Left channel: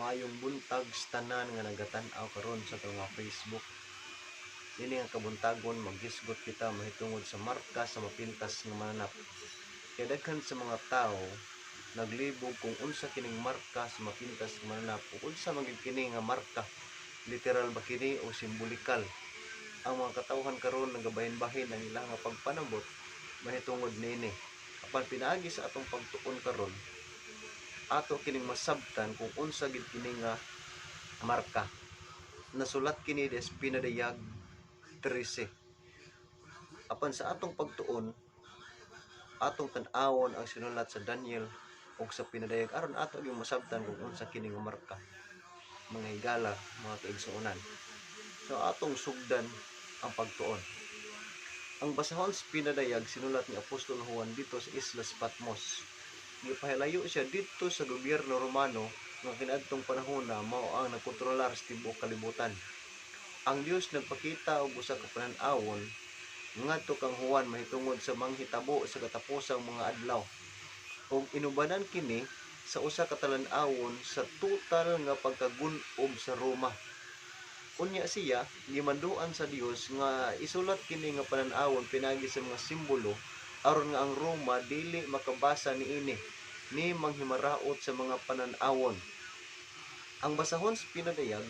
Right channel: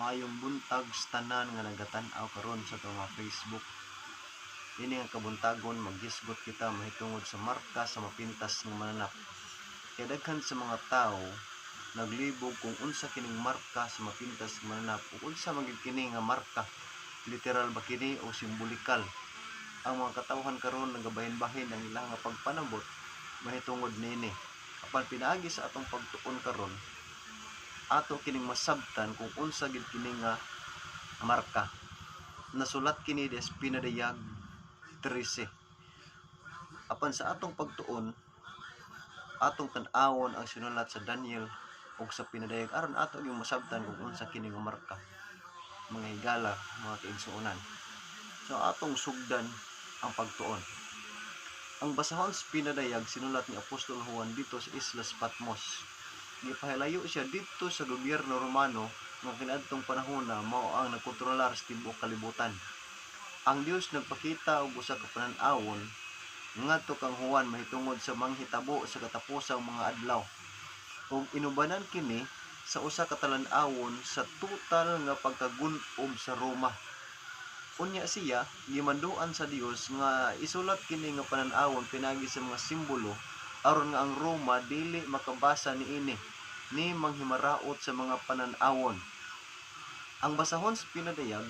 Maayong buntag sa tanan nga nagatan-aw karon sa itong mga Facebook. Ini nga kabuntagon maghisgot kita mahitungod sa marka sa mapintas nga mananap. Kaya daghan sa mga tao naglibog kung unsa kining marka sa mapintas nga mananap ug unsa magid kini nga marka. Literal ba kini o simbolikal? Ang mga katawhan karon nagabahin-bahin ang ilang nga pagpanabot mahitungod niini. Apan pinaagi sa atong pagtuon karon, ato kining masabtan kung unsa gid kini nga marka. Nasulat kini des pinadayag 13. Apan sa atong pagtuon, atong tan-awon ang sinulat sa Daniel ug sa pinadayag aron ato gyud masabtan kung unsa kini nga marka. Mga higala, mga kaigsuonan. So atong sugdan ang pagtuon. Ang basahon sa pinadayag sinulat ni Apostol Juan dito sa Islas Patmos. Gipahilayo siya dito sa gobyerno Romano nga kaniadtong panahon na mao ang nagkontrolar sa tibuok kalibutan. Ang Dios nagpakita og usa ka panan-awon ngadto kang Juan mahitungod sa manghitabo sa katapusang mga adlaw. Ug inubanan kini sa usa ka talan-awon sa total nga pagkagun-ob sa Roma. Unya siya gimanduan sa Dios nga isulat kini nga panan-awon pinagi sa mga simbolo aron nga ang Roma dili makabasa niini ni manghimaraot sa mga panan-awon. Ang basahon sa pinadayag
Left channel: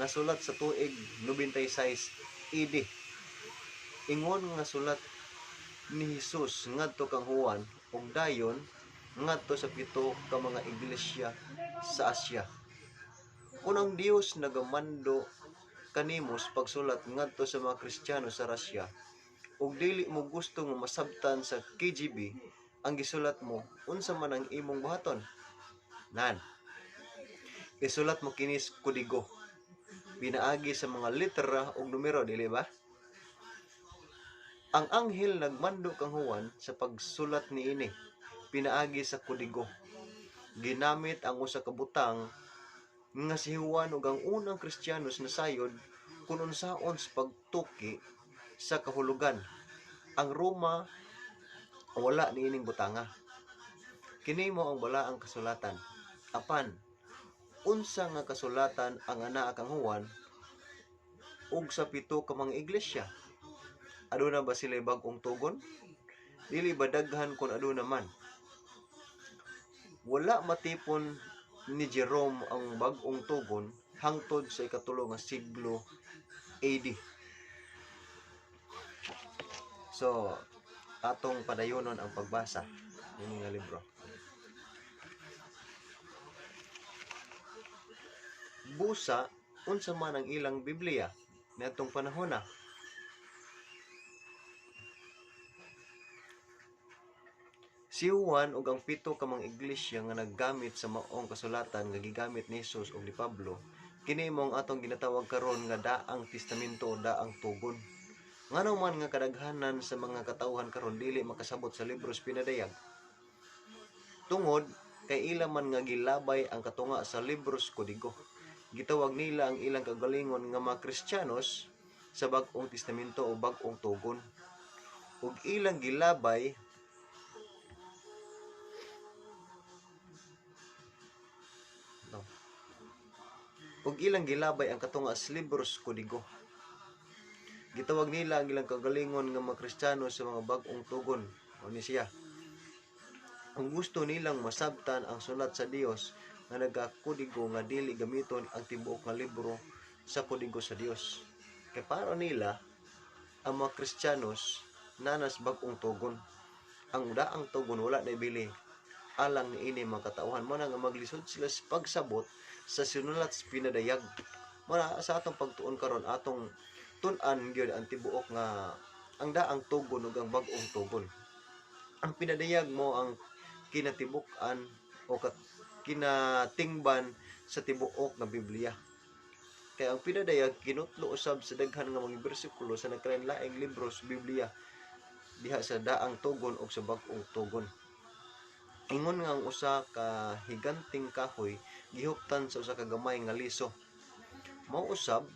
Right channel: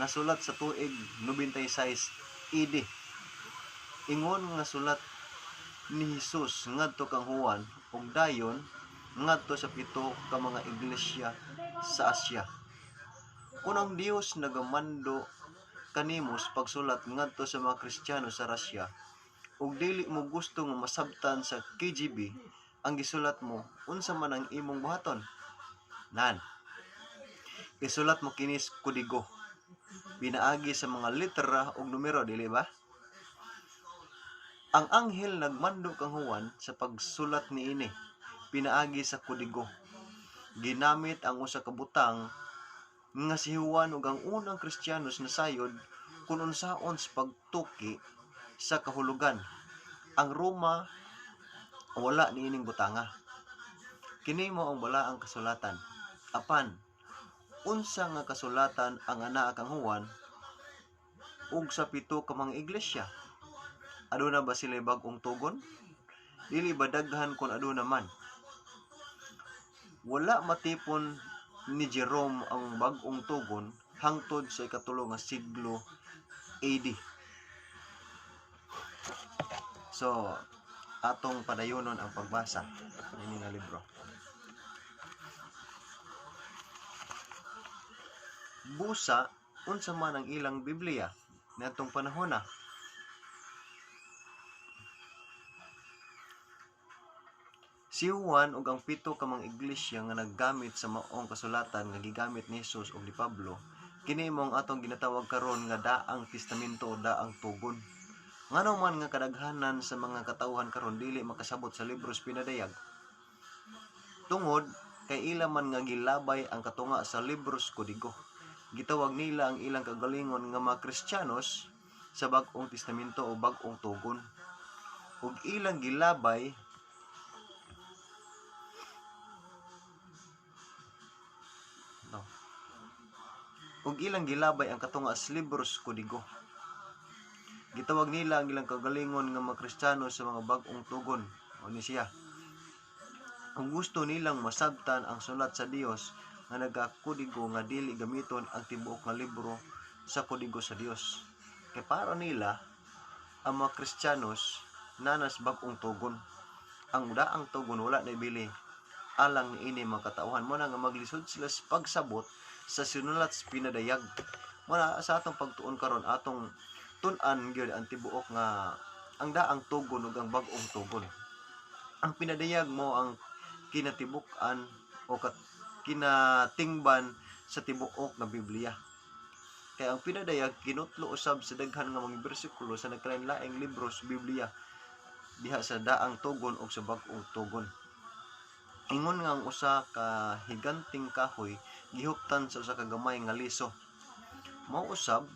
nasulat sa tuig 96 AD. Ingon nga sulat ni Jesus ngadto kang Juan ug dayon ngadto sa 7 ka mga iglesia sa Asia. Unang Dios nagamando kanimo sa pagsulat ngadto sa mga Kristiyano sa Russia ug dili mo gusto nga masabtan sa KGB ang gisulat mo, unsa man ang imong buhaton? Nan. Isulat mo kini sa kodigo. Pinaagi sa mga litera ug numero, dili ba? Ang anghel nagmando kang Juan sa pagsulat niini. Pinaagi sa kodigo. Ginamit ang usa ka butang nga si Juan ug ang unang Kristiyanos nasayod kung unsaon sa pagtuki sa kahulugan. Ang Roma wala niining butanga. Kini mo ang balaang kasulatan. Apan unsa nga kasulatan ang anaa kang Juan ug sa 7 ka mga iglesia? Aduna ba sila bag-ong tugon? Dili ba daghan kun aduna man? Wala matipon ni Jerome ang bag-ong tugon hangtod sa ikatulo nga siglo AD. So, atong padayonon ang pagbasa ini nga libro. Busa, unsa man ang ilang Biblia niadtong panahon na. Si Juan ug ang 7 ka mga iglesia nga naggamit sa maong kasulatan nga gigamit ni Jesus ug ni Pablo, kini mo ang atong ginatawag karon nga daang testamento o daang tugon. Ngano man nga kadaghanan sa mga katawhan karon dili makasabot sa libros pinadayag. Tungod kay ila man nga gilabay ang katunga sa libros kodigo. Gitawag nila ang ilang kagalingon nga mga Kristiyanos sa bag-ong testamento o bag-ong tugon. Ug ilang gilabay ang katunga sa libros kodigo. Gitawag nila ang ilang kagalingon nga mga Kristiyano sa mga bag-ong tugon. O ni siya. Ang gusto nilang masabtan ang sulat sa Dios nga nagakodigo nga dili gamiton ang tibuok nga libro sa kodigo sa Dios. Kay para nila ang mga Kristiyanos nanas bag-ong tugon. Ang daang tugon wala na ibili alang niini mga katawhan mo na nga maglisod sila sa pagsabot sa sinulat sa pinadayag. Muna sa atong pagtuon karon atong tun-an gyud ang tibuok nga ang daang tugon ug ang bag-ong tugon. Ang pinadayag mo ang kinatibuk-an o kinatingban sa tibuok nga Biblia. Kaya ang pinadayag kinutlo usab sa daghan nga mga bersikulo sa nagkalain-laing libro sa Biblia diha sa daang tugon o sa bag-ong tugon. Ingon nga ang usa ka higanting kahoy gihuptan sa usa ka gamay nga liso. Mao usab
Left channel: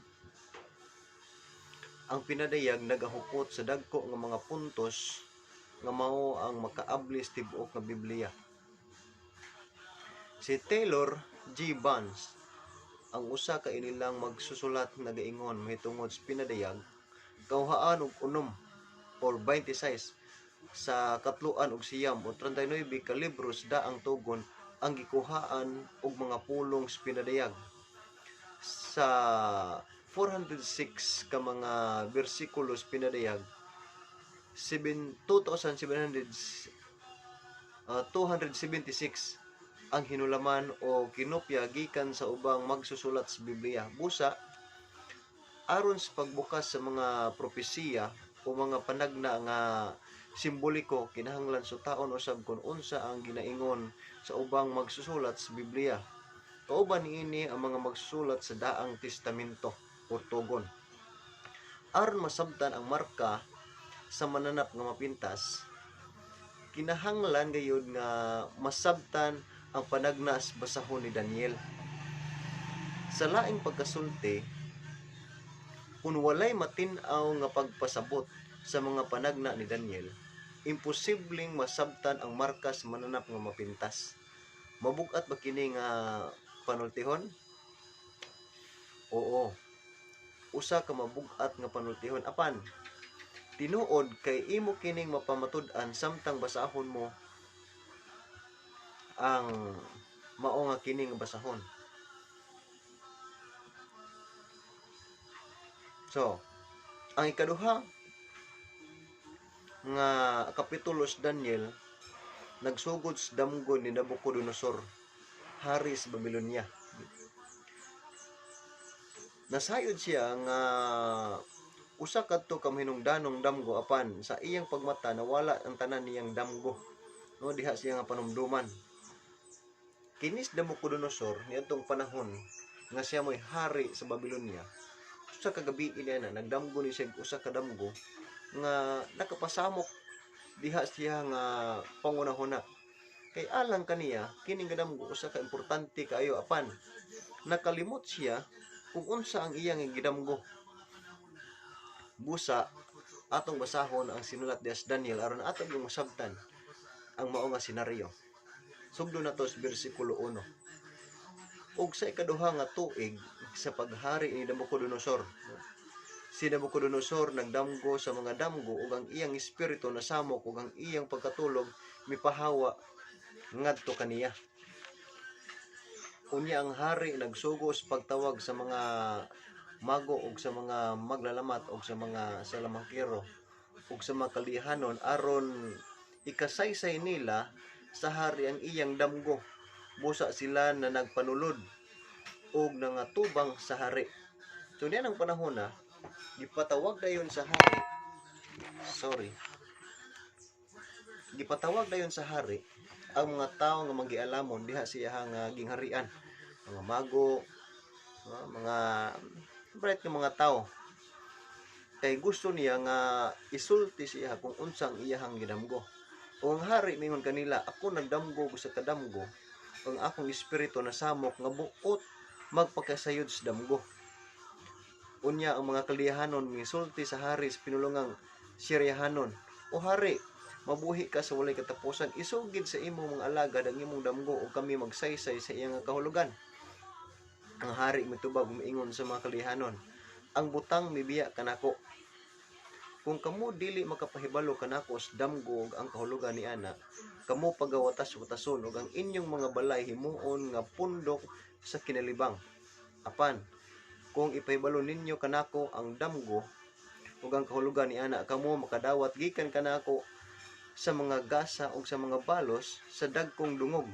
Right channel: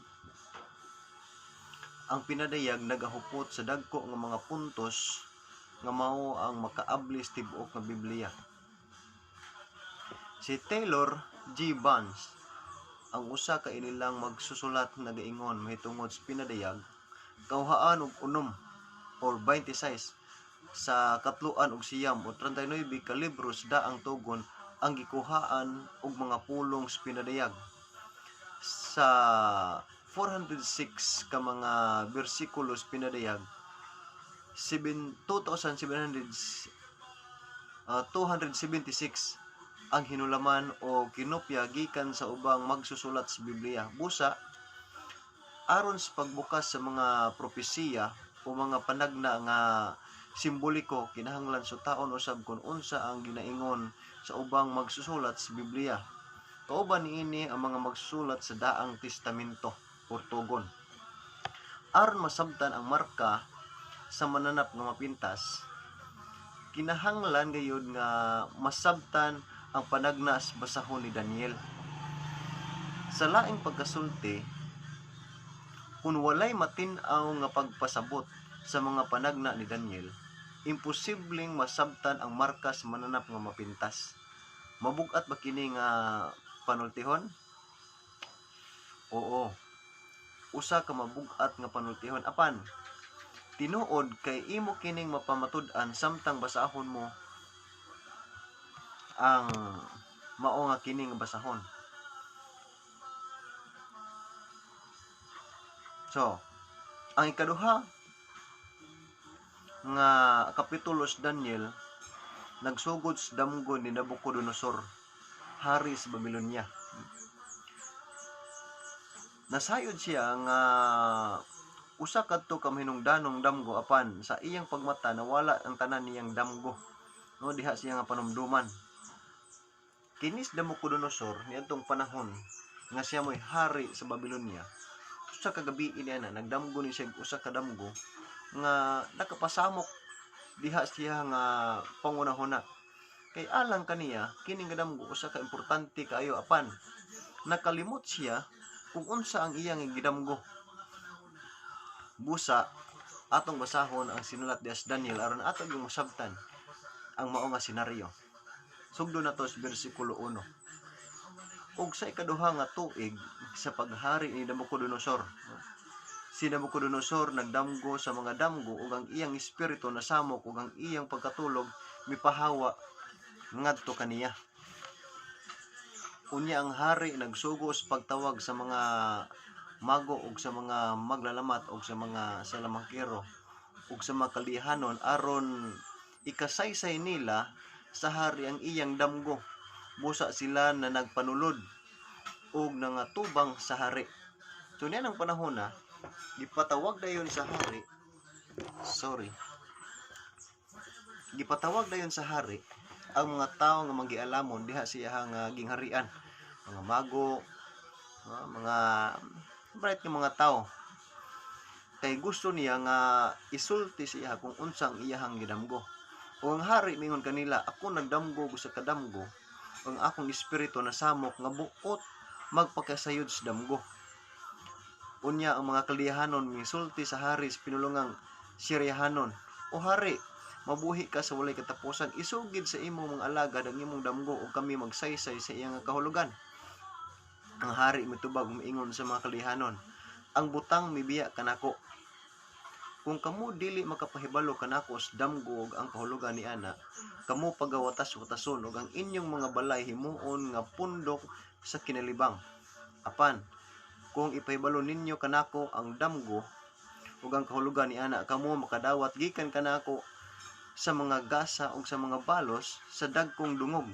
ang pinadayag nagahupot sa dagko nga mga puntos nga mao ang makaabli sa tibuok nga Biblia. Si Taylor G. Vance ang usa ka inilang magsusulat nagaingon mahitungod sa pinadayag kauhaan og unom or 26 sa katluan og siyam o 39 ka libros daang tugon ang gikuhaan og mga pulong sa pinadayag. Sa 406 ka mga bersikulos pinadayag, 2,276 ang hinulaman o kinopya gikan sa ubang magsusulat sa Biblia. Busa, aron sa pagbukas sa mga propesiya o mga panagna nga simboliko, kinahanglan sutaon usab kung unsa ang ginaingon sa ubang magsusulat sa Biblia. Kauban niini ang mga magsusulat sa Daang Testamento o tugon. Aron masabtan ang marka sa mananap nga mapintas, kinahanglan gayud nga masabtan ang panagna sa basahon ni Daniel. Sa laing pagkasulti, kung walay matin-aw nga pagpasabot sa mga panagna ni Daniel, imposibleng masabtan ang marka sa mananap nga mapintas. Mabugat ba kini nga panultihon? Oo. Usa ka mabugat nga panultihon. Apan, tinuod kay imo kining mapamatud-an samtang basahon mo ang mao nga kining basahon. So, ang ikaduha nga kapitulo sa Daniel nagsugod sa damgo ni Nabucodonosor, hari sa Babylonia. Nasayod siya nga usa kadto ka hinungdanong damgo apan sa iyang pagmata nawala ang tanan niyang damgo. No, diha siya nga panumduman. Kinis Nabucodonosor niadtong panahon nga siya mo'y hari sa Babylonia. Usa ka gabi niya na nagdamgo ni siya usa ka damgo nga nakapasamok diha siya nga pangunahuna. Kay alang kaniya kining damgo usa ka importante kaayo apan nakalimot siya kung unsa ang iyang gidamgo. Busa atong basahon ang sinulat diha sa Daniel aron atong masabtan ang mao nga senaryo. Sugdo na to sa bersikulo 1. Ug sa ikaduha nga tuig sa paghari ni Nabucodonosor, si Nabucodonosor nagdamgo sa mga damgo ug ang iyang espiritu nasamok ug ang iyang pagkatulog mipahawa ngadto kaniya. Unya ang hari nagsugo sa pagtawag sa mga mago ug sa mga maglalamat ug sa mga salamangkero ug sa mga kalihanon aron ikasaysay nila sa hari ang iyang damgo. Busa sila na nagpanulod ug nangatubang sa hari. So niyan ang panahon na gipatawag dayon sa hari. Gipatawag dayon sa hari ang mga tawo nga magialamon diha siya nga gingharian. Mga mago, mga bright nga mga tawo. Kay gusto niya nga isulti siya kung unsang iyahang gidamgo. O ang hari mingon kanila, ako nagdamgo sa kadamgo, ang akong espiritu nasamok nga buot magpakasayod sa damgo. Unya ang mga kalihanon misulti sa hari sa pinulungang Siryahanon, o hari, mabuhi ka sa walay katapusan, isugid sa imong mga alagad ang imong damgo o kami magsaysay sa iyang kahulugan. Ang hari mitubag umiingon sa mga kalihanon, ang butang mibiya kanako. Kung kamo dili makapahibalo kanako sa damgo ug ang kahulugan ni ana, kamo pagawatas-watason ug ang inyong mga balay himuon nga pundok sa kinalibang. Apan kung ipahibalo ninyo kanako ang damgo ug ang kahulugan ni ana, kamo makadawat gikan kanako sa mga gasa ug sa mga balos sa dagkong dungog.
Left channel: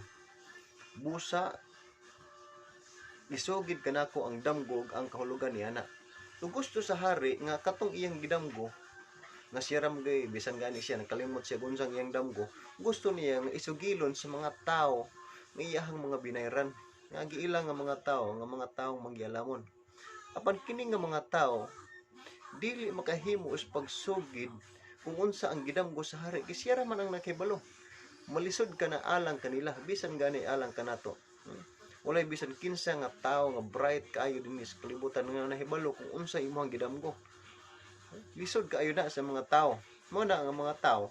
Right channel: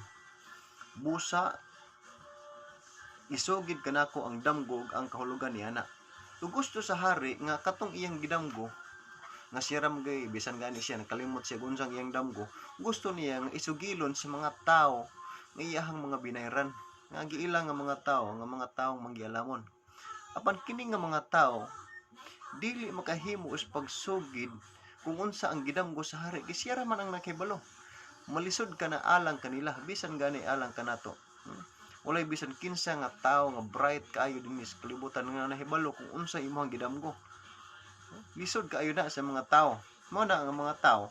Busa isugid kanako ang damgo ug ang kahulugan ni ana. Ug gusto sa hari nga katong iyang gidamgo nga siram gay bisan gani siya nakalimot siya unsang iyang damgo, gusto niya nga isugilon sa mga tao nga iyahang mga binayran nga giilang nga mga taong manggialamon. Apan kini nga mga tao dili makahimo sa pagsugid kung unsa ang gidamgo sa hari, kay siya man ang nakahibalo. Malisod ka na alang kanila bisan gani alang kanato. Walay bisan kinsa nga tao nga bright kaayo dinhi sa kalibutan nga nahibalo kung unsa imong gidamgo. Lisod kaayo na sa mga tao. Mao na ang mga tao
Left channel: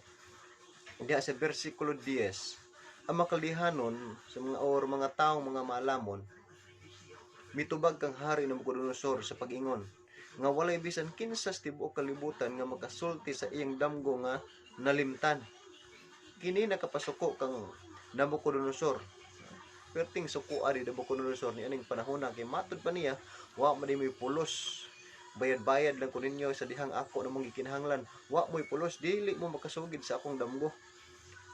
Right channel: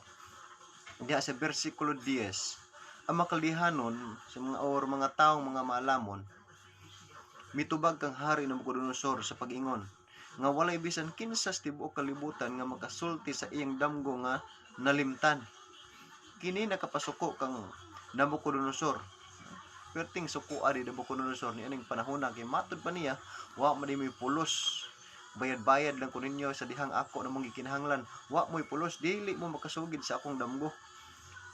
diha sa bersikulo 10, ang makalihanon sa mga taong mga maalamon Mitubag kang hari na Nabucodonosor sa pag-ingon nga walay bisan kinsa sa tibuok kalibutan nga makasulti sa iyang damgo nga nalimtan. Kini nakapasuko kang Nabucodonosor. Perting suko ari Nabucodonosor ni aning panahon kay matud pa niya wa man may pulos. Bayad-bayad lang ko ninyo sa dihang ako namang gikinahanglan. Wa mo'y pulos dili mo makasugid sa akong damgo.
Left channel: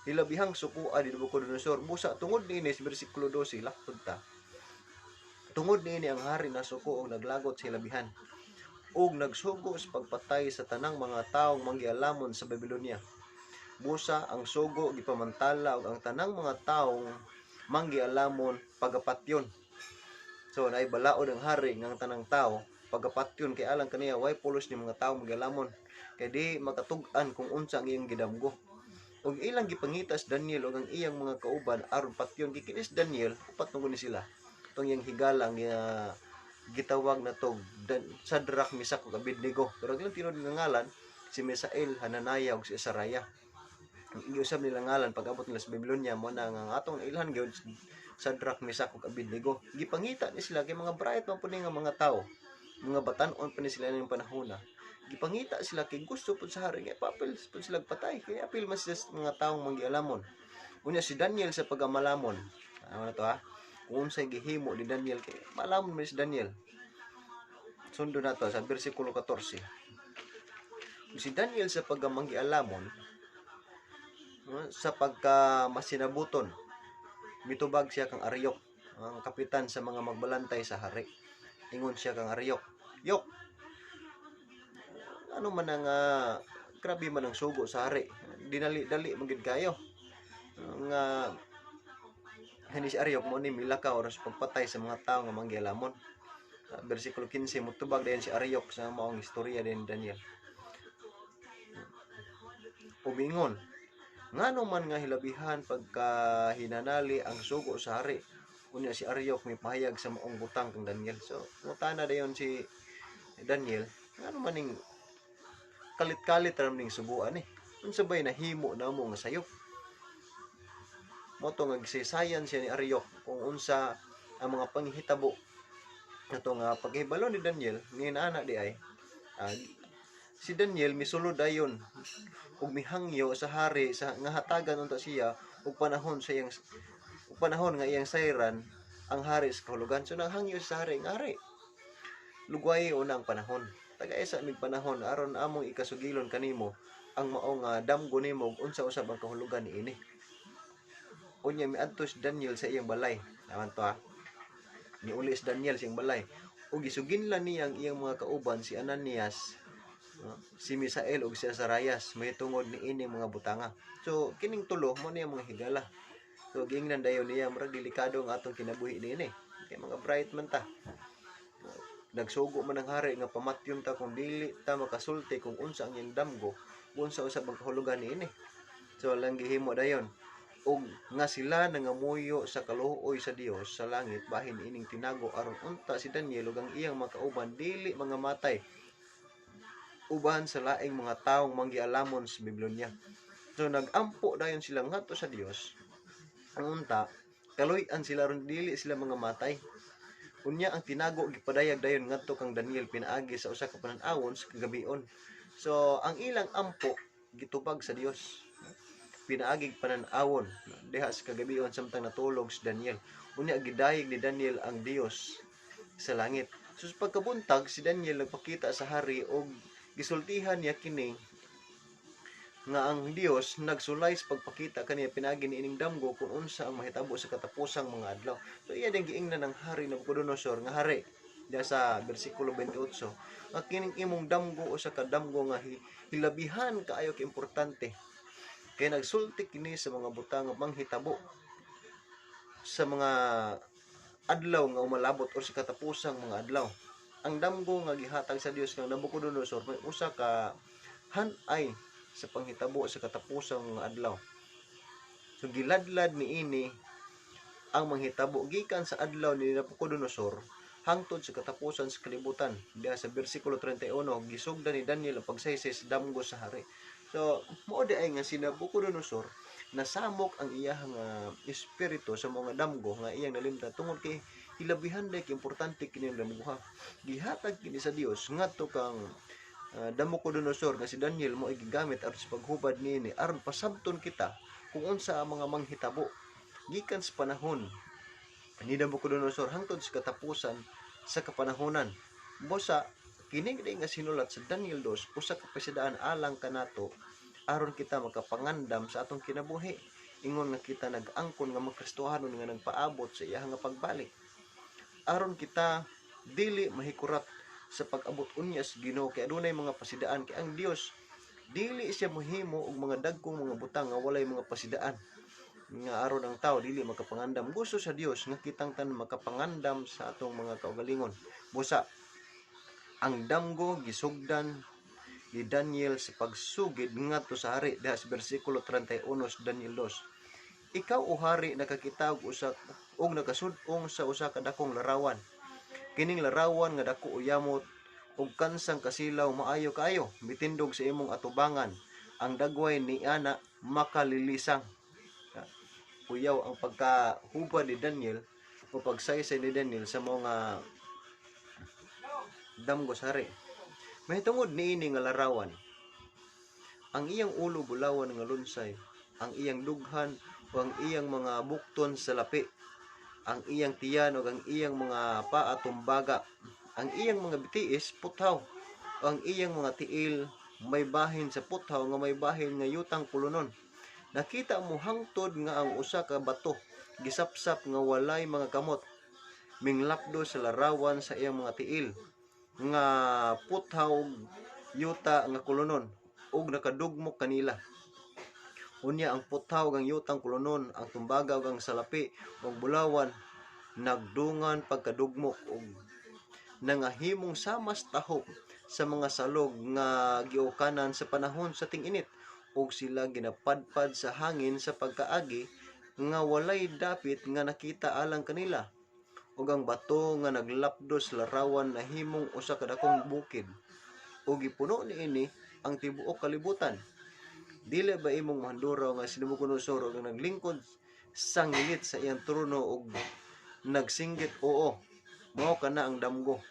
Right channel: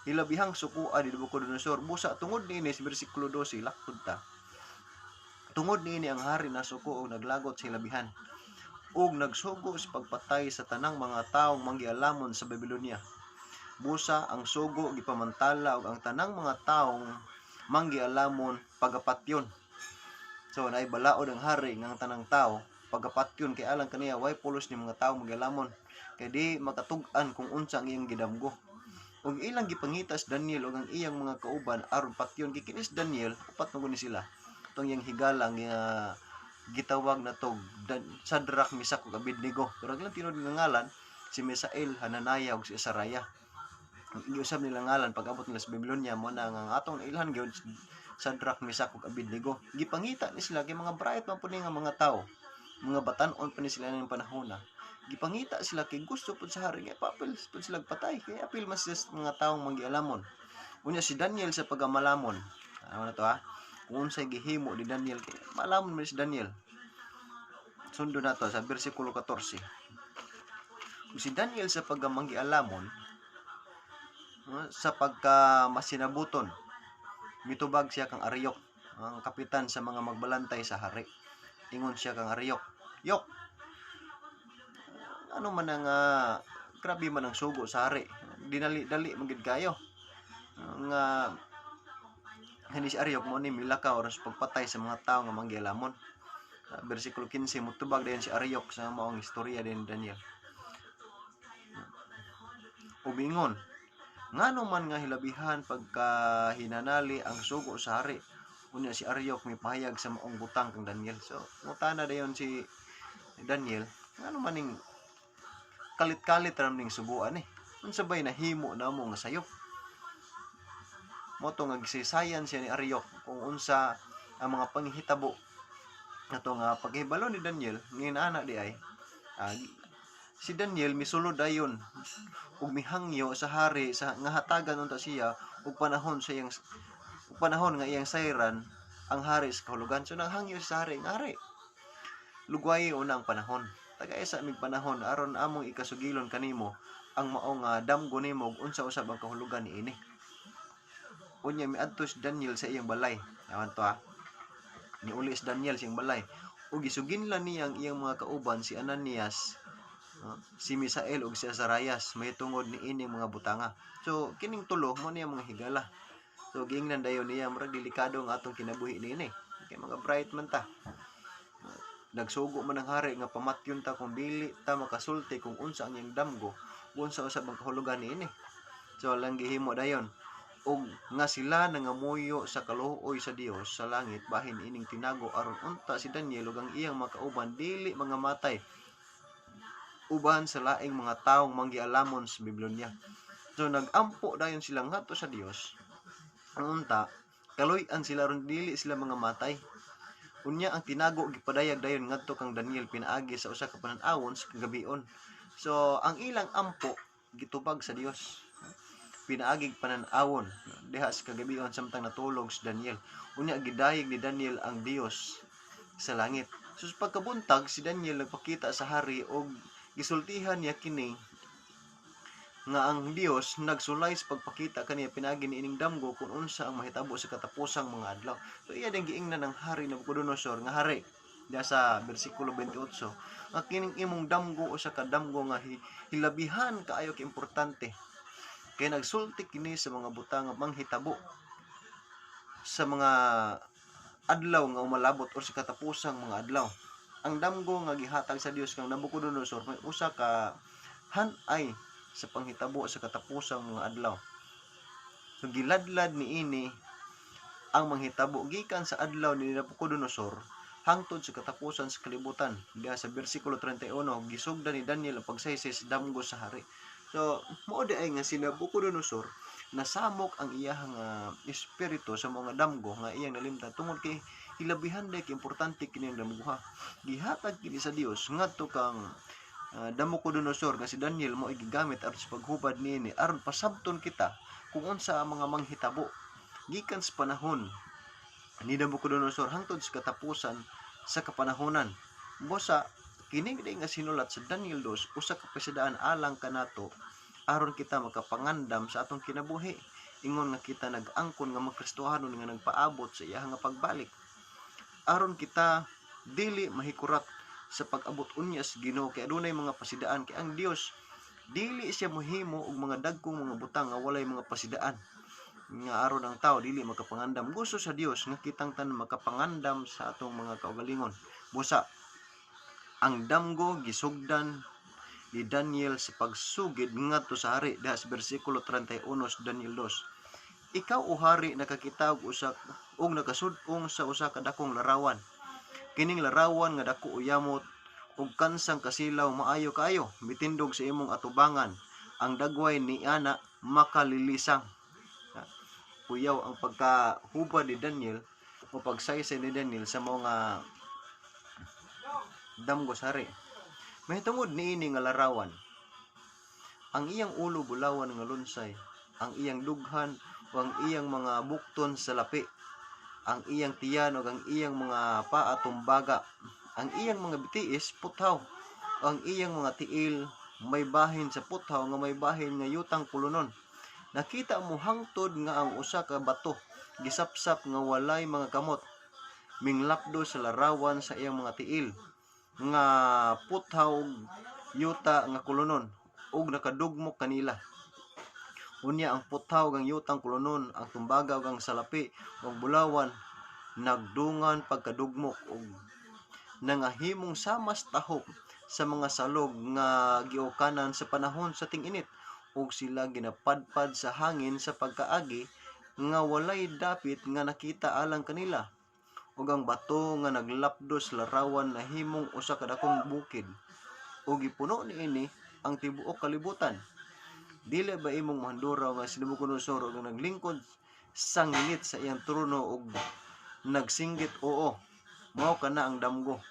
Hilabihang sukuan ni Nabucodonosor busa tungod niini sa bersikulo 12 lakod ta. Tungod niini ang hari na suko og naglagot sa hilabihan ug nagsugo sa pagpatay sa tanang mga taong manggialamon sa Babylonia. Busa ang sugo gipamantala og ang tanang mga taong manggialamon pagapatyon. So naay balaod ang hari ng tanang tao pagapatyon kay alang kaniya way pulos ni mga tawo manggialamon kay di makatug-an kung unsa ang iyang gidamgo. Og ilang gipangitas Daniel og ang iyang mga kauban aron patyon kay kinis Daniel upat na ni sila. Tong iyang higala nga gitawag na to Sadrach, Mesach ug Abednego. Pero ang tinod nga ngalan si Misael, Hananiah ug si Azariah. Ang giusab nila ngalan pag-abot nila sa Babylonia mo na nga atong ilhan gyud Sadrach, Mesach ug Abednego. Gipangita ni sila kay mga bright man pud nga mga tawo. Mga batan-on pa ni sila ning panahon na. Gipangita sila kay gusto pud sa hari kay papel pud sila patay kay apil mas mga taong manggialamon. Unya si Daniel sa pagamalamon. Ano na to ha? Kung unsay gihimo ni Daniel kay malamon man si Daniel. Sundo na to sa bersikulo 14. Kung si Daniel sa pagmanggialamon sa pagkamasinabuton mitubag siya kang Ariok, ang kapitan sa mga magbalantay sa hari. Ingon siya kang Ariok, "Yok, ano man ang grabe man ang sugo sa hari. Dinali-dali magid kayo." Nga Hanis Ariok mo ni milakaw oras pagpatay sa mga tao nga manggialamon. Bersikulo 15 mutubag dayon si Ariok sa maong istorya din Daniel. Umingon, ngano man nga hilabihan pagka hinanali ang sugo sa hari. Unya si Ariok mipahayag sa maong butang kang Daniel. So, mutana dayon si Daniel, ngano man ning kalit-kalit ram ning subuan eh. Unsa bay nahimo namo nga sayop? Moto nga gisisayan siya ni Ariok kung unsa ang mga panghitabo nato nga paghibalo ni Daniel nginana di ay si Daniel misulod dayon ug mihangyo sa hari sa nga hatagan unta siya ug panahon sa iyang panahon nga iyang sayran ang hari sa kahulugan. So nanghangyo sa hari nga hari lugway unang panahon tagay sa mig panahon aron among ikasugilon kanimo ang maong damgo nimo ug unsa usab ang kahulugan niini. Unya miadto si Daniel sa iyang balay. Awan to Niuli si Daniel sa iyang balay. Ug gisuginlan niya ang iyang mga kauban si Ananias, si Misael ug si Azarias mahitungod niini mga butanga. So kining tulo mo niya mga higala. So giingnan dayon niya murag delikado ang atong kinabuhi niini. Kay mga bright man ta. Nagsugo man ang hari nga pamatyon ta kung dili ta makasulti kung unsa ang iyang damgo, unsa usab ang kahulugan niini. So lang gihimo dayon og nga sila nangamuyo sa kaluoy sa Dios sa langit bahin ining tinago aron unta si Daniel ug ang iyang mga kauban dili mga matay uban sa laing mga taong manggialamon sa Babylonia. So nagampo dayon sila ngadto sa Dios. Ang unta kaloy-an sila ron dili sila mga matay. Unya ang tinago gipadayag dayon ngadto kang Daniel pinaagi sa usa ka panan-awon sa kagabion. So ang ilang ampo gitubag sa Dios. Pinaagig panan-awon diha sa kagabion samtang natulog si Daniel. Unya gidayeg ni Daniel ang Dios sa langit. So sa pagkabuntag si Daniel nagpakita sa hari og gisultihan niya kini nga ang Dios nagsulay sa pagpakita kaniya pinaagi niining damgo kung unsa ang mahitabo sa katapusang mga adlaw. So iya din giingnan ng hari Nabucodonosor nga hari diha sa bersikulo 28 nga kining imong damgo usa ka damgo nga hilabihan kaayo ka importante. Kaya nagsulti kini sa mga butang nga manghitabo sa mga adlaw nga umalabot o sa katapusang mga adlaw. Ang damgo nga gihatag sa Dios kang Nabucodonosor may usa ka hanay sa panghitabo sa katapusang mga adlaw. So giladlad niini ang manghitabo gikan sa adlaw ni Nabucodonosor hangtod sa katapusan sa kalibutan. Diha sa bersikulo 31 gisugdan ni Daniel ang pagsaysay sa damgo sa hari. So, mao di ay nga si Nabucodonosor nasamok ang iyang espiritu sa mga damgo nga iyang nalimtan tungod kay ilabihan day importante kini ang damgo ha. Gihatag kini sa Dios ngadto kang Nabucodonosor nga si Daniel mo gigamit aron sa paghubad niini aron pasabton kita kung unsa ang mga manghitabo gikan sa panahon ni Nabucodonosor hangtod sa katapusan sa kapanahonan. Busa kini nga sinulat sa Daniel 2 usa ka pasidaan alang kanato aron kita makapangandam sa atong kinabuhi ingon nga kita nag-angkon nga magkristohanon nga nagpaabot sa iya nga pagbalik aron kita dili mahikurat sa pag-abot unyas Ginoo kay adunay mga pasidaan kay ang Dios dili siya mohimo og mga dagkong mga butang nga walay mga pasidaan nga aron ang tao dili makapangandam. Gusto sa Dios nga kitang tanan makapangandam sa atong mga kaugalingon. Busa ang damgo gisugdan ni Daniel sa pagsugid ngadto sa hari diha sa bersikulo 31 sa Daniel 2. Ikaw o hari nakakita og usa og nakasud-ong sa usa ka dakong larawan. Kining larawan nga dako uyamot ug kansang kasilaw maayo kaayo mitindog sa imong atubangan. Ang dagway ni ana makalilisang. Kuyaw ang pagkahubad ni Daniel o pagsaysay ni Daniel sa mga damgo sa hari. Mahitungod niini nga larawan. Ang iyang ulo bulawan nga lunsay, ang iyang dughan o ang iyang mga bukton sa lapi, ang iyang tiyan o ang iyang mga paa tumbaga, ang iyang mga bitiis puthaw, o ang iyang mga tiil may bahin sa puthaw nga may bahin nga yutang pulunon. Nakita mo hangtod nga ang usa ka bato gisapsap nga walay mga kamot minglapdo sa larawan sa iyang mga tiil nga puthaw yuta nga kulunon ug nakadugmok kanila. Unya ang puthaw ang yutang kulunon, ang tumbaga ug ang salapi ug bulawan nagdungan pagkadugmok ug nangahimong samas tahop sa mga salog nga giukanan sa panahon sa ting-init ug sila ginapadpad sa hangin sa pagkaagi nga walay dapit nga nakita alang kanila ug ang bato nga naglapdos larawan nahimong usa ka dakong bukid ug gipuno niini ang tibuok kalibutan. Dili ba imong mahanduraw nga si Nabucodonosor ug naglingkod sa ngilid sa iyang trono ug nagsinggit oo mao kana ang damgo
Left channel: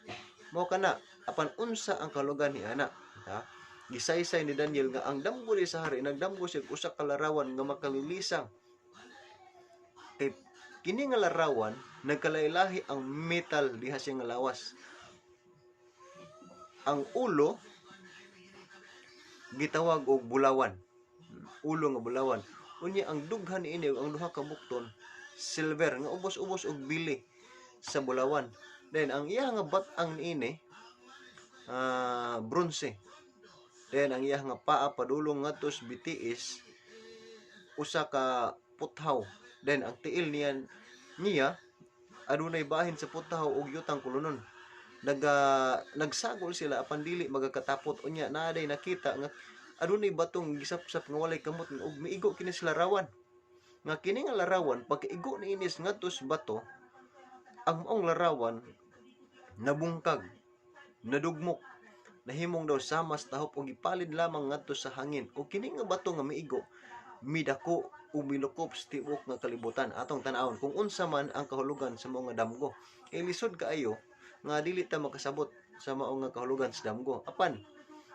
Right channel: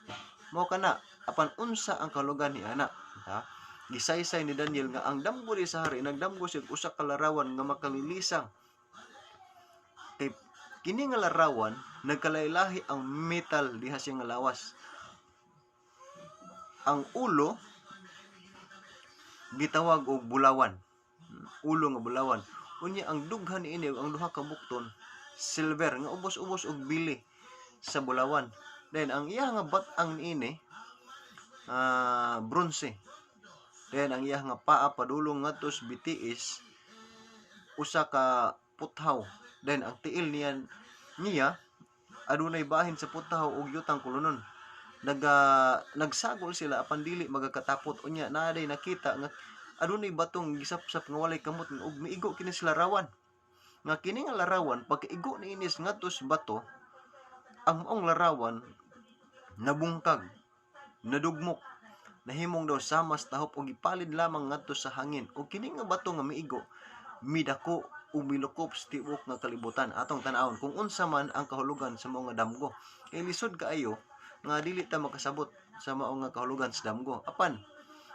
mao kana apan unsa ang kalugan ni ana ha. Gisaysay ni Daniel nga ang damgo ni sa hari nagdamgo siya usa ka larawan nga makalilisang. Kay kini nga larawan nagkalailahi ang metal diha siya nga lawas. Ang ulo gitawag og bulawan. Ulo nga bulawan. Unya ang dughan niini ang duha ka bukton silver nga ubos-ubos og bili sa bulawan. Then ang iya nga bat-ang niini bronze. Then ang iya nga paa padulong ngadto sa bitiis usa ka puthaw. Then ang tiil niya adunay bahin sa puthaw ug yutang kulunon. Nagsagol sila apan dili magakatapot. Unya naaday nakita nga adunay batong gisapsap nga walay kamot ug miigo kini sa larawan. Nga kini nga larawan pagkaigo ni inis ngadto sa bato ang maong larawan nabungkag, nadugmok, nahimong daw samas tahop ug ipalid lamang ngadto sa hangin ug kini nga bato nga miigo midako ug milukop sa tibuok nga kalibutan. Atong tan-awon kung unsa man ang kahulugan sa mga damgo. Lisod kaayo nga dili ta makasabot sa mao nga kahulugan sa damgo. Apan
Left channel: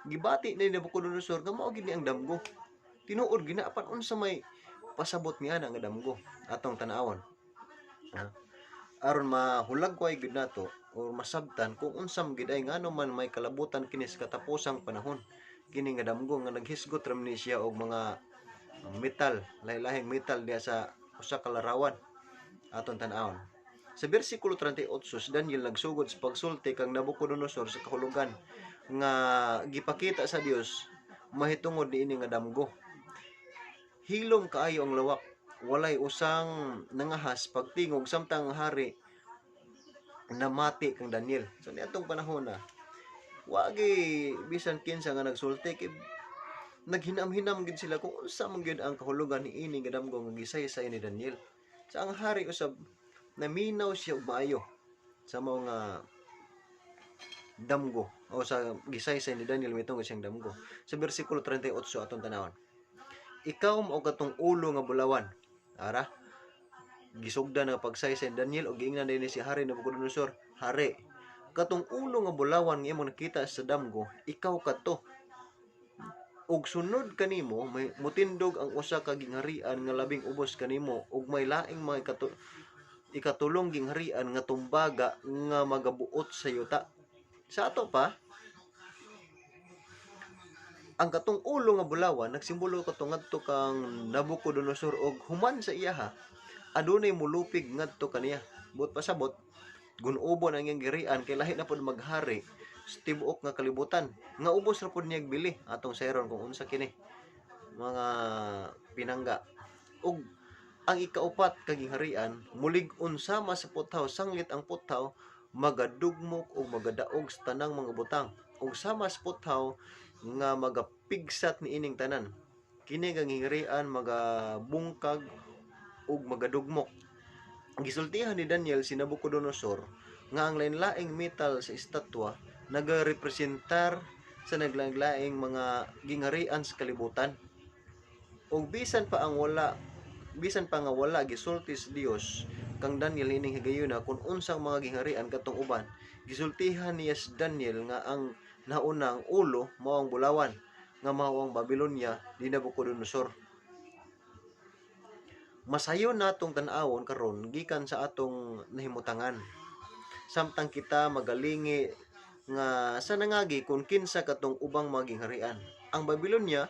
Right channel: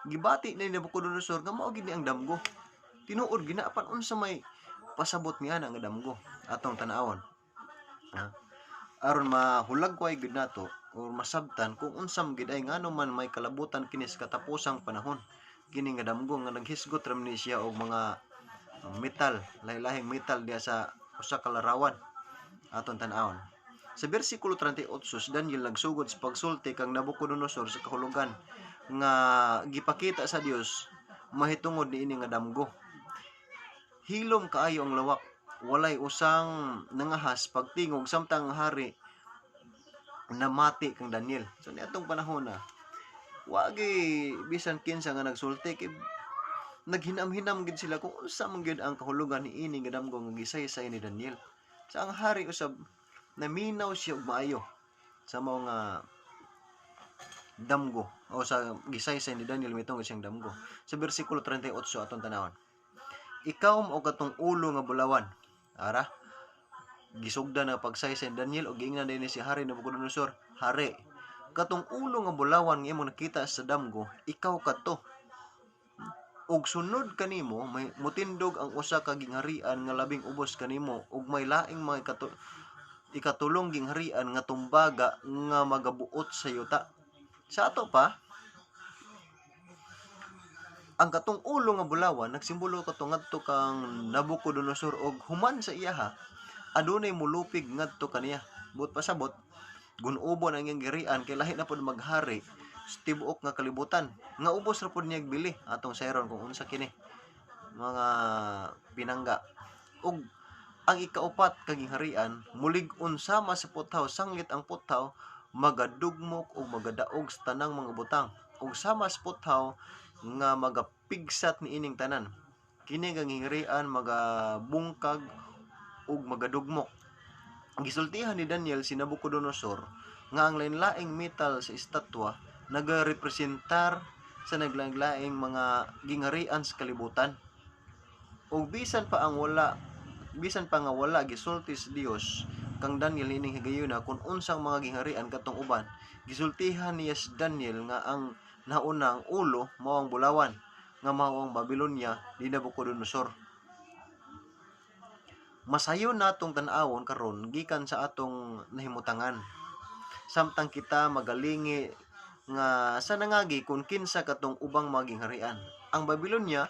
gibati ni Nabucodonosor nga mao gid ang damgo. Tinuod gina apan unsa may pasabot niya nga damgo. Atong tan-awon. Aron mahulagway gid nato o masabtan kung unsam gid ay ngano man may kalabutan kini sa katapusang panahon. Kini nga damgo nga naghisgot ra ni siya og mga metal, lahi-lahing metal diya sa usa ka larawan. Aton tan-awon. Sa bersikulo 38 si Daniel nagsugod sa pagsulti kang Nabucodonosor sa kahulugan nga gipakita sa Dios mahitungod niini nga damgo. Hilom kaayo ang lawak, walay usang nangahas pagtingog samtang hari namati kang Daniel. So niadtong panahon na wagi bisan kinsa nga nagsulti kay naghinam-hinam gid sila kung unsa man gyud ang kahulugan niini nga damgo nga gisaysay ni Daniel. Sa ang hari usab naminaw siya og maayo sa mga damgo o sa gisaysay ni Daniel mitungod siyang damgo. Sa bersikulo 38 atong tanawon. Ikaw mao katong ulo nga bulawan. Ara. gisugdan nga pagsaysay ni Daniel og giingnan dinhi si Hari Nabucodonosor, Hari, katong ulo nga bulawan nga imong nakita sa damgo, ikaw kadto. Ug sunod kanimo may mutindog ang usa ka gingharian nga labing ubos kanimo ug may laing mga ikatulong gingharian nga tumbaga nga magabuot sa yuta. Sa ato pa, ang katong ulo nga bulawan nagsimbolo kato ngadto kang Nabucodonosor og human sa iyaha adunay mulupig ngadto kaniya. But pasabot gun-ubon ang iyang girian kay lahi na pud maghari sa tibuok nga kalibutan nga ubos ra pud niya bili atong sayron kung unsa kini mga pinangga. Ug ang ikaupat ka gingharian mulig-on sama sa putaw, sanglit ang putaw magadugmok ug magadaog sa tanang mga butang ug sama sa putaw nga magapigsat ni ining tanan. Kini nga gingharian magabungkag ug magadugmok. Gisultihan ni Daniel si Nabucodonosor nga ang lain-laing metal sa estatwa nagarepresentar sa naglaing-laing mga gingharian sa kalibutan. Ug bisan pa nga wala gisulti sa Dios kang Daniel ining higayuna kung unsang mga gingharian katong uban, gisultihan niya si Daniel nga ang naunang ulo mao ang bulawan nga mao ang Babylonia ni Nabucodonosor. Masayon natong tan-awon karon gikan sa atong nahimutangan. Samtang kita magalingi nga sa nangagi kung kinsa katong ubang mga gingharian. Ang Babylonia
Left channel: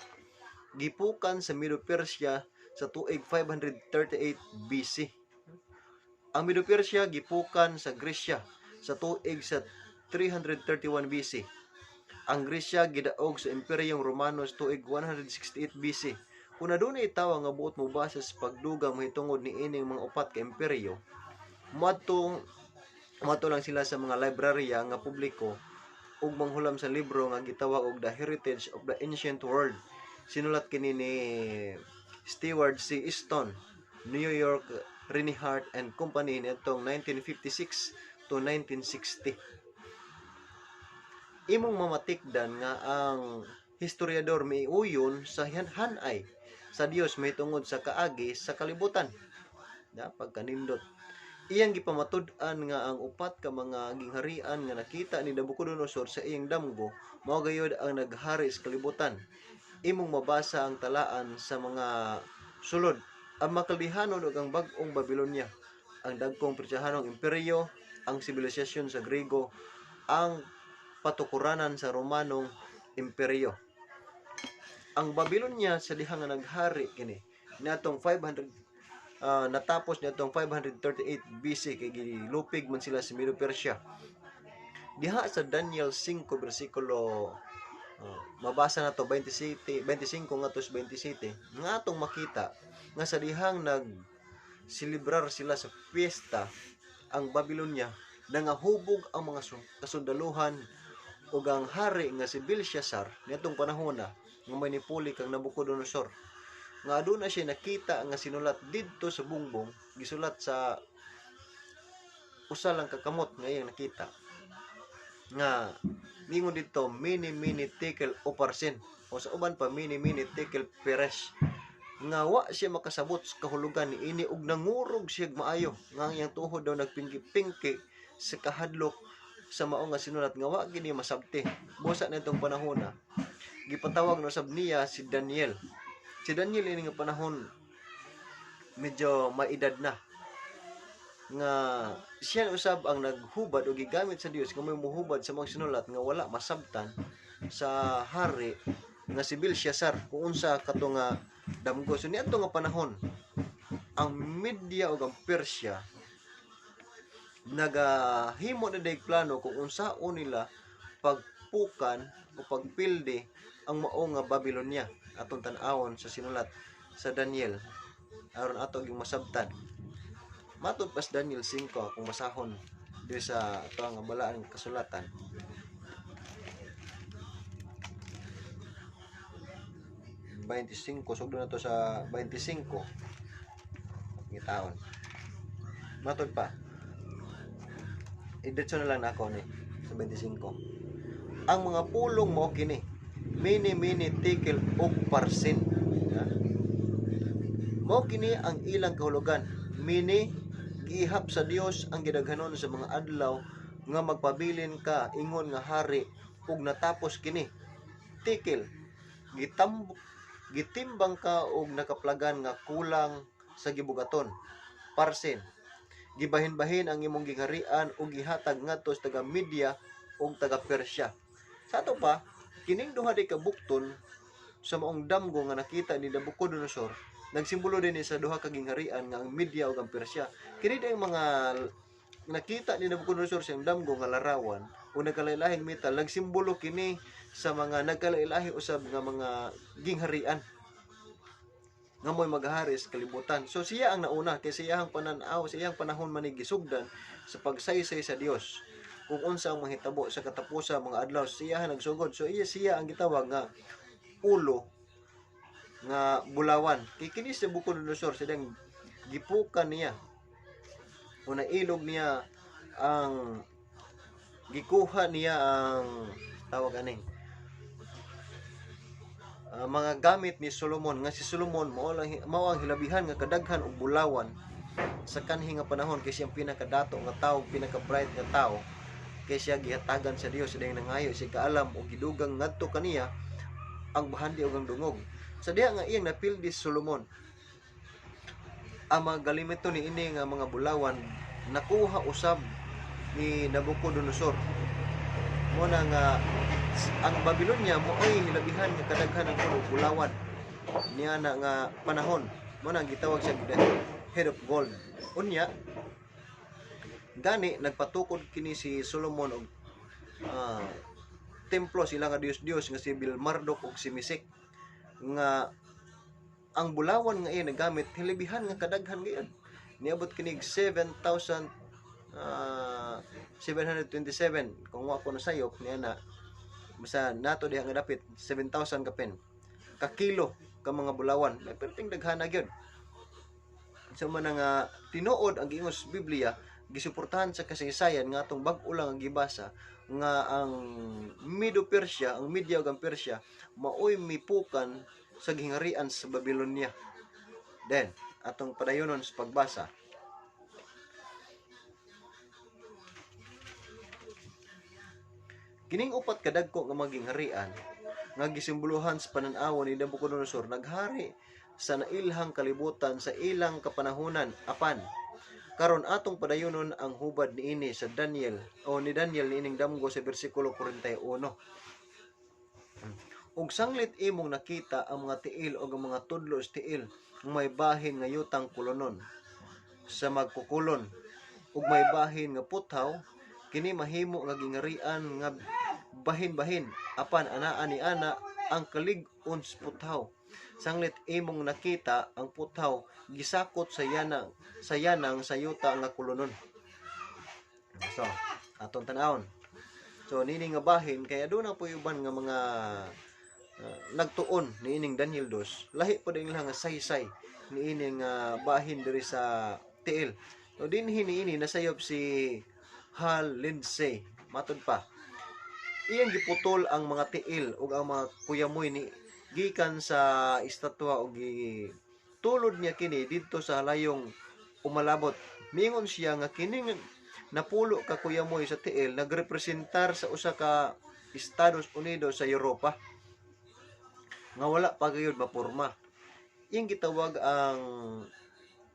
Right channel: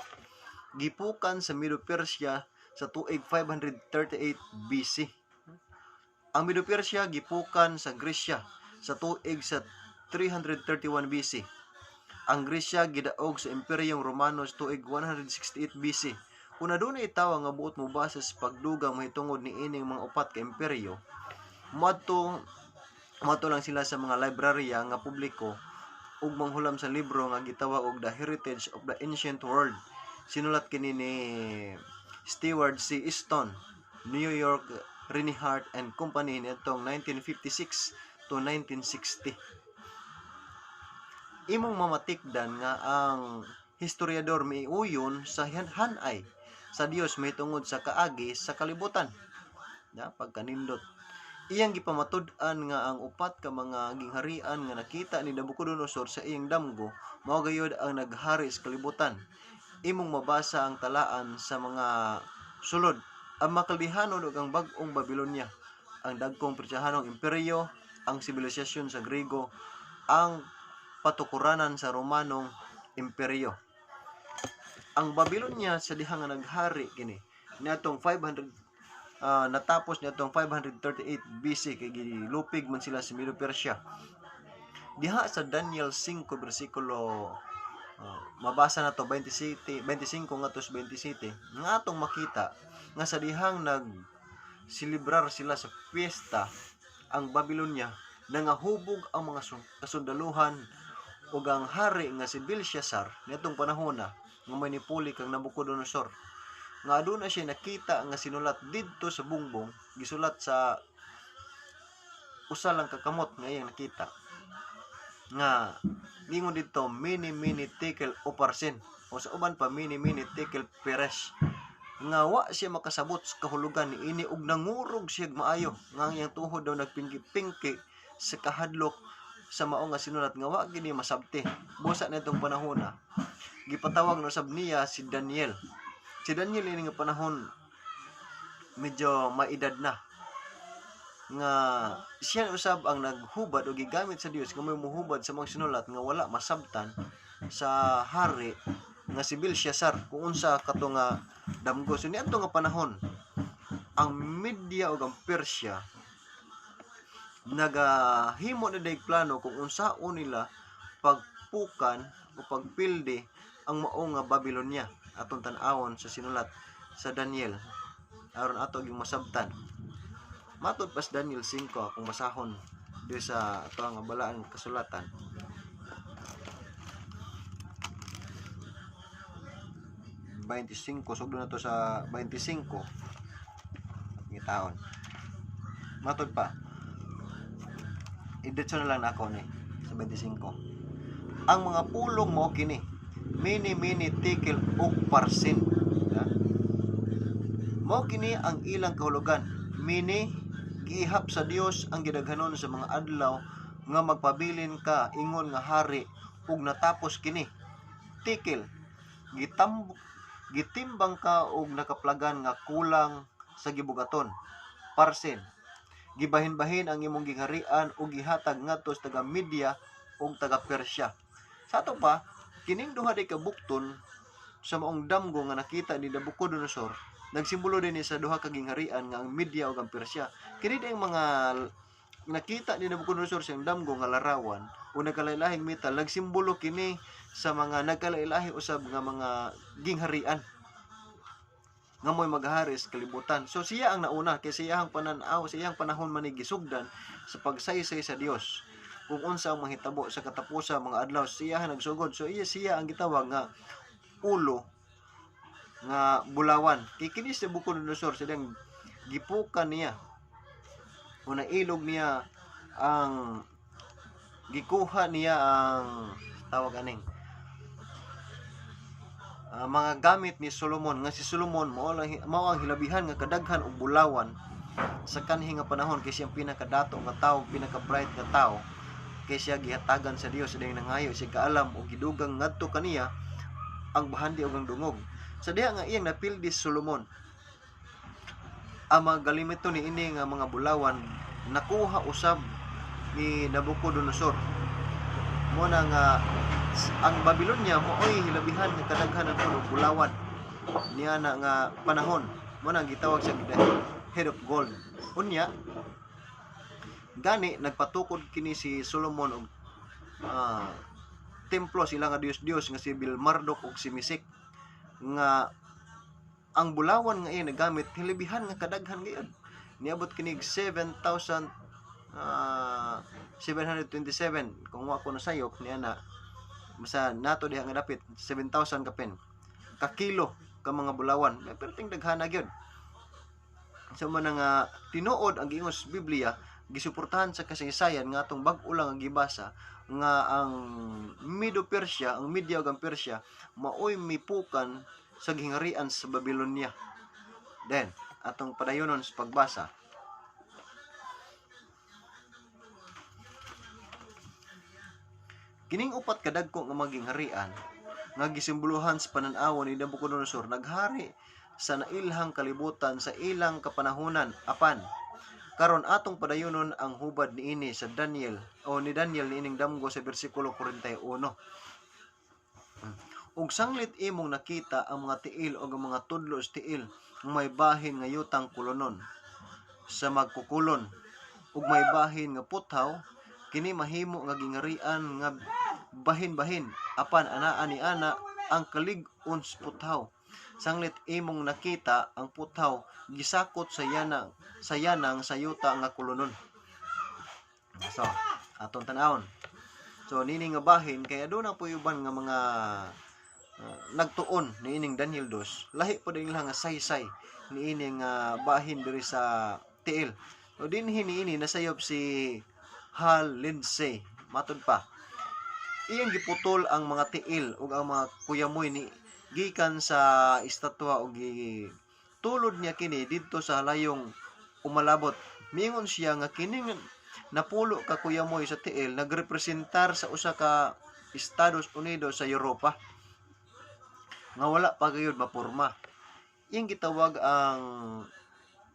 gipukan sa Medo-Persia sa tuig 538 BC. Ang Medo-Persia gipukan sa Gresya sa tuig sa 331 BC. Ang Gresya gidaog sa Imperyong Romano sa tuig 168 BC. Kung adunay tawo nga buot mobasa sa pagdugang mahitungod ni ining mga upat ka imperyo, moadto lang sila sa mga librarya nga publiko ug manghulam sa libro nga gitawag og The Heritage of the Ancient World. Sinulat kini ni Stewart C. Easton, New York Reinhardt and Company nitong 1956 to 1960. Imong mamatikdan nga ang historiador miuyon sa hanay sa Dios mahitungod sa kaagi sa kalibutan. Pagkanindot. Iyang gipamatud-an nga ang upat ka mga gingharian nga nakita ni Nabucodonosor sa iyang damgo mao gayud ang naghari sa kalibutan. Imong mabasa ang talaan sa mga sulod. Ang makaldihanon ug ang bag-ong Babylonia, ang dagkong Persianong imperyo, ang sibilisasyon sa Grego, ang patukuranan sa Romanong imperyo. Ang Babylonia sa dihang nga naghari kini niadtong 500 natapos niadtong 538 BC kay gilupig man sila sa Medo-Persia. Diha sa Daniel 5 bersikulo mabasa na to 25 ngadto 27 nga atong makita nga sa dihang nagsilibrar sila sa piyesta ang Babylonia nangahubog ang mga kasundaluhan ug ang hari nga si Belshazzar niadtong panahon nga manipuli kang Nabucodonosor nga aduna siya nakita nga sinulat didto sa bungbong, gisulat sa usa lang kakamot nga iyang nakita nga lingon dito mini tekel uparsin o sa uban pa mini tekel peres nga wa siya makasabot sa kahulugan ni ini ug nangurog siya maayo nga ang iyang tuhod daw nagpingki-pingki sa kahadlok sa mao nga sinulat nga wa gini masabti. Busa nitong panahon gipatawag na usab niya si Daniel. Si Daniel ini nga panahon medyo maedad na nga siya usab ang naghubad o gigamit sa Dios nga may muhubad sa mga sinulat nga wala masabtan sa hari nga si Belshazzar kung unsa kato nga damgo. So niadto nga panahon ang Media ug ang Persia nagahimo na day plano kung unsaon nila pagpukan o pagpildi ang mao nga Babylonia atong tan-awon sa sinulat sa Daniel aron ato gyud masabtan. Matud pas Daniel 5 akong masahon di sa ato nga balaan kasulatan. Sugdo na to sa 25 ngitaon. Matud pa idetso na lang nako ni sa 25. Ang mga pulong mo kini mini tekel ug parsin. Mao kini ang ilang kahulugan mini giihap sa Dios ang gidaghanon sa mga adlaw nga magpabilin ka ingon nga hari ug natapos kini. Tikil, gitimbang ka og nakaplagan nga kulang sa gibugaton. Parsin, gibahin-bahin ang imong gingharian ug gihatag ngadto sa taga Media ug taga Persya. Sa ato pa, kining duha di kabukton sa maong damgo nga nakita ni Nabucodonosor, nagsimbolo din sa duha ka gingharian nga ang Media ug ang Persya. Kini ang mga nakita ni Nabucodonosor sa damgo nga larawan o nagkalailahing metal, nagsimbolo kini sa mga nagkalailahi usab nga mga gingharian nga mo'y maghari sa kalibutan. So siya ang nauna kay siyang pananaw, siyang panahon man ni gisugdan sa pagsaysay sa Dios. Kung unsa ang mahitabo sa katapusan mga adlaw, siya nagsugod. So siya ang gitawag nga ulo nga bulawan. Kay kini si Nabucodonosor silang gipukan niya o nailog niya ang gikuha niya ang tawag aning mga gamit ni Solomon, nga si Solomon mao ang hilabihan nga kadaghan og bulawan sa kanhi nga panahon kay siya ang pinakadato nga tawo, pinaka-bright nga tawo, kay siya gihatagan sa Dios siya nangayo siya kaalam og gidugang ngadto kaniya ang bahandi ug ang dungog. Sa diha nga iyang napildi si Solomon, ang mga galimito ni ini nga mga bulawan nakuha usab ni Nabucodonosor. Mo na nga ang Babylonia mo ay hilabihan nga kadaghan ng bulawan niya na nga panahon. Mo nang gitawag siya head of gold. Unya gani nagpatukod kini si Solomon og templo sila nga Dios nga si Marduk ug si Mesek nga ang bulawan nga iya nagamit hilabihan nga kadaghan gayud. Niabot kinig 7,727 kung wa ko nasayop niya na basta nato diha nga dapit 7,000 kapin ka kilo ka mga bulawan, may perting daghana gyud. So man nga tinuod ang giingos Biblia gisuportahan sa kasaysayan nga atong bag-o lang ang gibasa nga ang Medo-Persya, ang Media ug ang Persya maoy mipukan sa gingharian sa Babylonia. Then atong padayonon sa pagbasa. Kining upat kadagko nga magingharian nga gisimbolohan sa panan-aw ni Nabucodonosor naghari sa nailhang kalibutan sa ilang kapanahunan. Apan karon atong padayonon ang hubad niini sa Daniel o ni Daniel niining damgo sa bersikulo 41. Ug sanglit imong nakita ang mga tiil o ang mga tudlo sa tiil may bahin nga yutang kulonon sa magkukulon ug may bahin nga puthaw kini mahimo nga gingharian nga bahin-bahin apan anaa ni ana ang kalig-on sa puthaw. Sanglit imong nakita ang puthaw gisakot sa yanang sa yuta nga kulonon. So atong tan-awon. So nini nga bahin kay aduna po uban nga mga nagtuon niining Daniel 2 lahi po din lang nga saysay niining bahin diri sa tiil. O dinhi niini nasayop si Hal Lindsay matud pa iyang giputol ang mga tiil ug ang mga kuyamoy ni gikan sa estatwa ug gitulod niya kini didto sa halayong umalabot. Mingon siya nga kining napulo ka kuyamoy sa tiil nagrepresentar sa usa ka Estados Unidos sa Europa nga wala pa gayud maporma. Iyang gitawag ang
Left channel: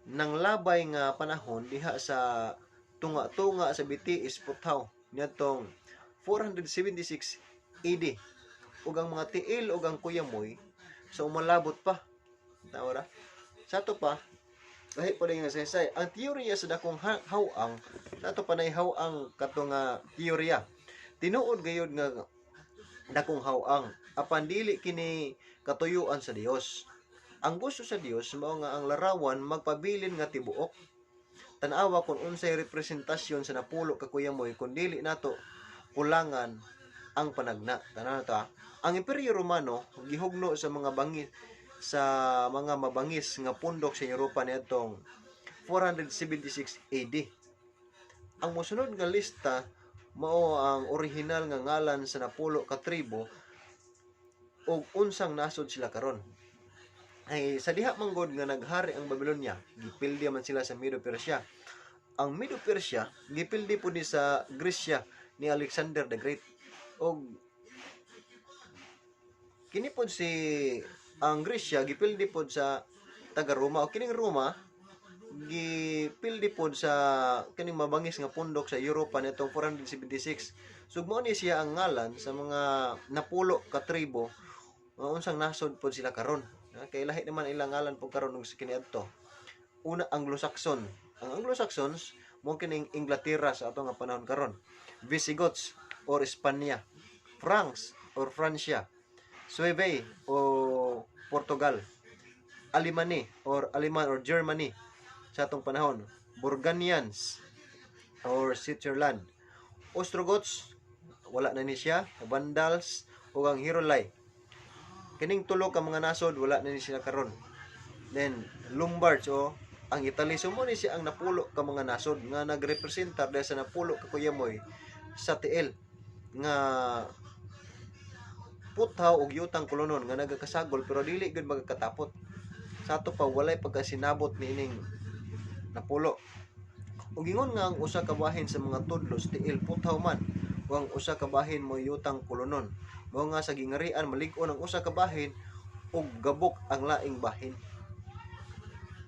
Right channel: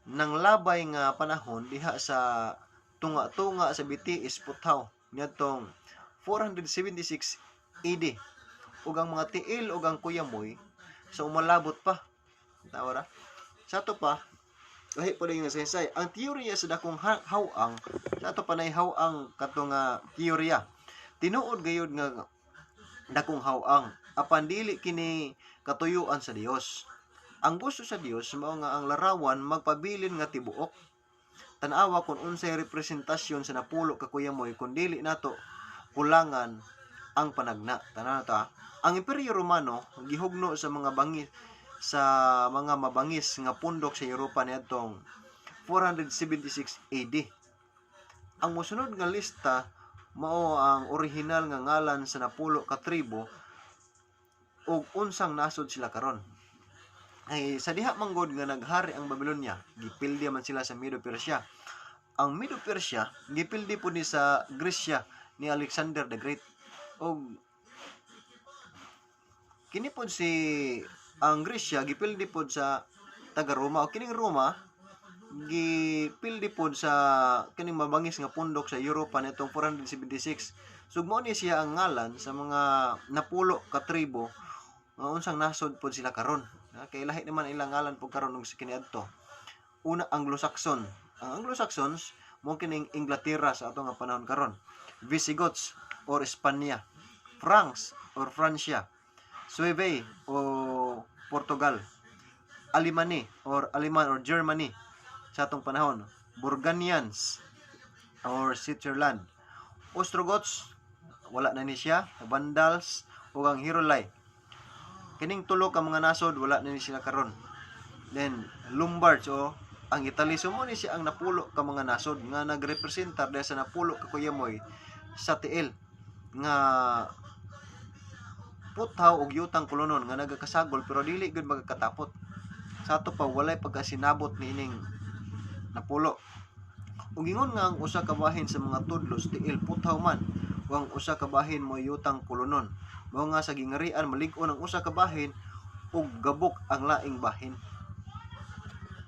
nanglabay nga panahon diha sa tunga-tunga sa Bitiis Puthaw niadtong 476 AD ug ang mga tiil ug ang kuyamoy sa umalabot pa. Tawara. Sa to pa lahi pa rin nga saysay ang teorya sa dakong hawang sa to panay hawang katong teorya tinuod gayud nga dakong hawang apan dili kini katuyuan sa Dios. Ang gusto sa Dios mao nga ang larawan magpabilin nga tibuok. Tan-awa kung unsay representasyon sa napulo ka kuyamoy kun dili nato kulangan ang panagna. Tanaw ta. Ang Imperyo Romano gihugno sa mga mabangis nga pundok sa Europa niadtong 476 AD. Ang mosunod nga lista mao ang orihinal nga ngalan sa napulo ka tribo ug unsang nasod sila karon. ay sa diha manggod nga naghari ang Babylonia, gipildi man sila sa Medo Persia. Ang Medo Persia gipildi po ni sa Gresya ni Alexander the Great. Og kini pod si ang Gresya gipildi pod sa taga Roma, o kining Roma gipildi pod sa kining mabangis nga pundok sa Europa nitong 476. So mao ni siya ang ngalan sa mga napulo ka tribo nga unsang nasod pod sila karon. Kay lahi naman ilang ngalan pod karon og kiniadto. Una, Anglo-Saxon. Ang Anglo-Saxons mo kining Inglaterra sa ato nga panahon karon. Visigoths or Espanya. Franks or Francia. Sueve o Portugal. Alemani or Aleman or Germany sa atong panahon. Burgundians or Switzerland. Ostrogoths, wala na ni siya. Vandals o ang Hirolay. Kining tulo ka mga nasod wala na ni sila karon. Then Lombards o ang Italy, sumo ni siya ang napulo ka mga nasod nga nagrepresentar dahil sa napulo ka kuyamoy sa tiil nga puthaw og yutang kolonon nga nagakasagol pero dili gud magkatapot. Sa ato pa walay pagkasinabot niining napulo. Ug ingon nga ang usa ka bahin sa mga tudlos tiil puthaw man, o ang usa ka bahin mo yutang kolonon. Mao nga sa gingarian malig-on ang usa ka bahin ug gabok ang laing bahin.